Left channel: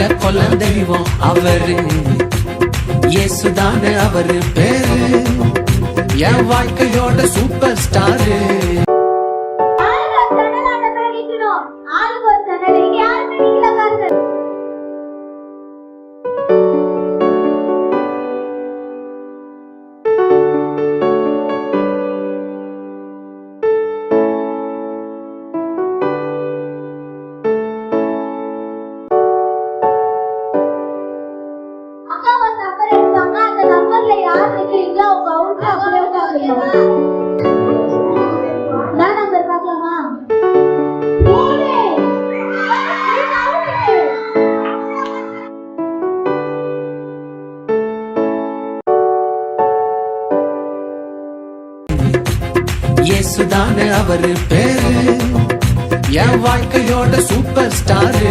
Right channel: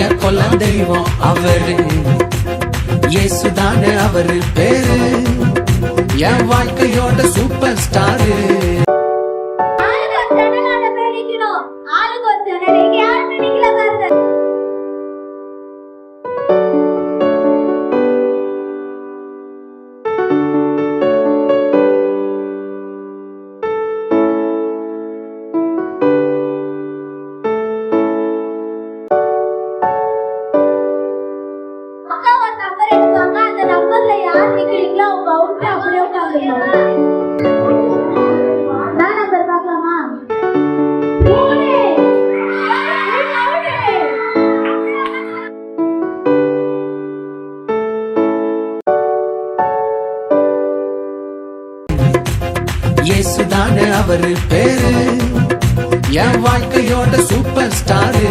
எங்க கொல்ல தெய்வம் அவரு, இயேசுதானே அவரு பேரு, என் வாழ்க்கையோட சூப்பர் ஸ்டாரு. இயேசுதானே அவரு பேரு, என் வாழ்க்கையோட சூப்பர் ஸ்டாரு.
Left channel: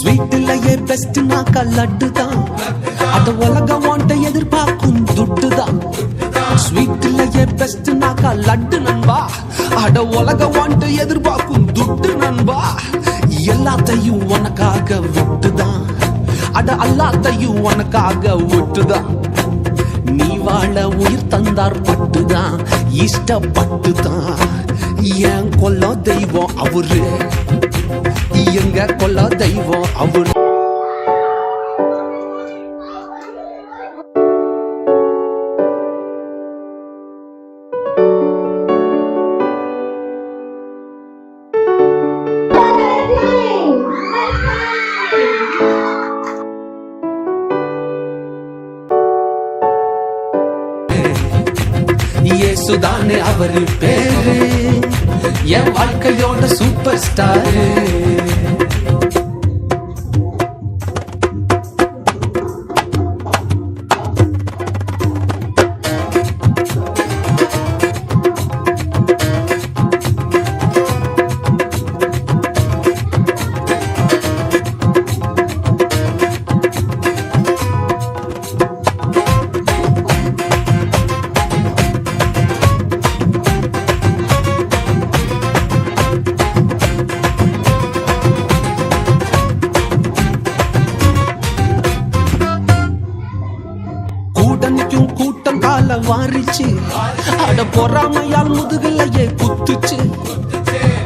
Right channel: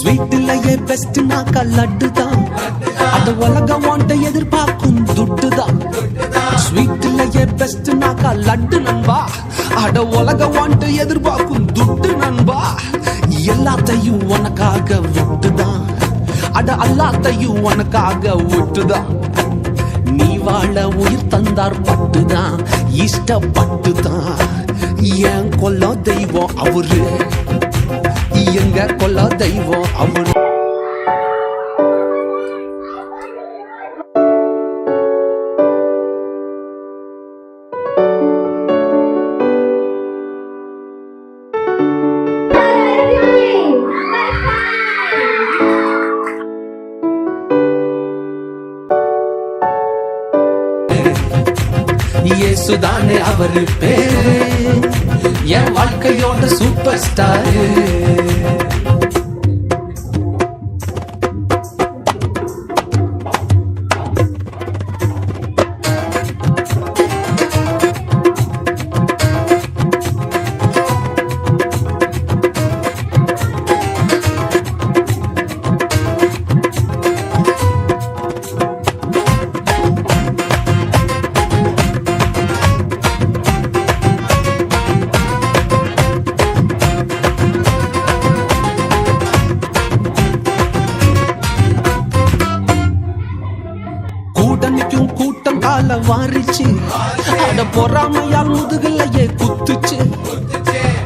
ஸ்வீட்லயே பெஸ்ட் நாக்கா லட்டு தான், அட உலகம் வாண்ட எதிர்பார்க்கும் துட்டு தான். ஸ்வீட்லயே பெஸ்ட் நாக்கா லட்டு நண்பா, அட உலகம் வாண்ட எதிர்பார்க்கும் துட்டு நண்பா. எல்லாத்தையும் உனக்காக விட்டுதான், அட எல்லாத்தையும் உனக்காக விட்டுதான். நீ வாழ உயிர் தந்தார் பட்டுதான், இஷ்டப்பட்டுதான். என் கொல்ல தெய்வம் அவரு, எங்க கொல்ல தெய்வம் அவரு. இயேசுதானே அவரு பேரு, என் வாழ்க்கையோட சூப்பர் ஸ்டாரு. கூட்டணிக்கும் கூட்டம் கால வாரிச்சு, அட பொறாமையால் முதுகலையே குத்துச்சு.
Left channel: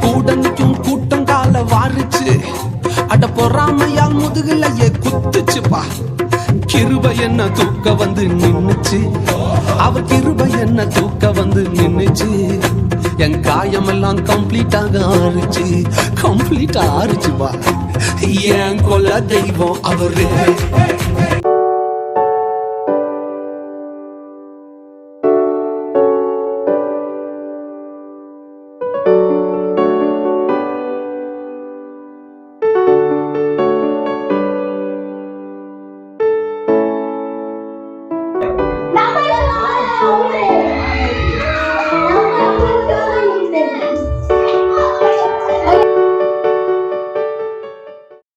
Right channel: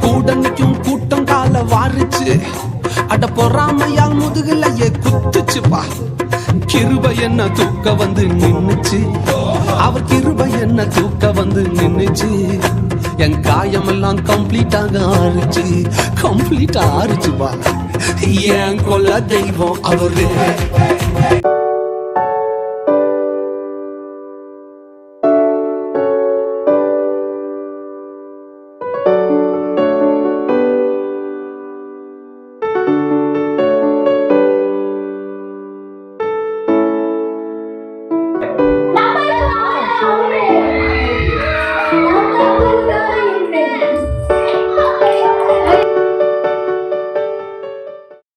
கூட்டணிக்கும் கூட்டம் கால வாரிச்சு, அட பொறாமையால் முதுகலையே குத்துச்சுப்பா. கிருபை என்ன தூக்க வந்து நின்னுச்சு, அவர் கிருபை என்ன தூக்க வந்து நின்னுச்சு. என் காயமெல்லாம் கம்ப்ளீட்டாக ஆறுச்சு, கம்ப்ளீட்டா ஆறுச்சுப்பா. என் கொல்ல தெய்வம் அவரு.